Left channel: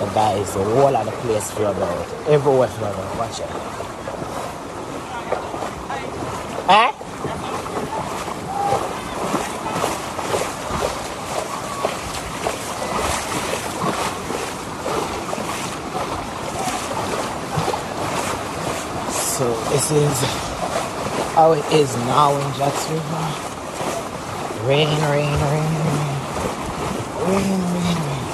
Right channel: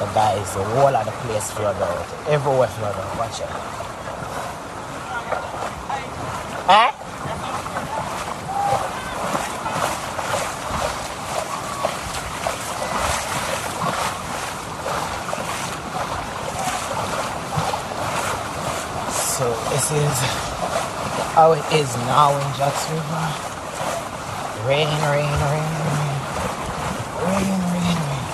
So guys, the whole of the place flavored. Everywhere flavored. Watch it. Eh? So this is how it is now in Jackson. Rain, rain, rain, rain, rain, rain.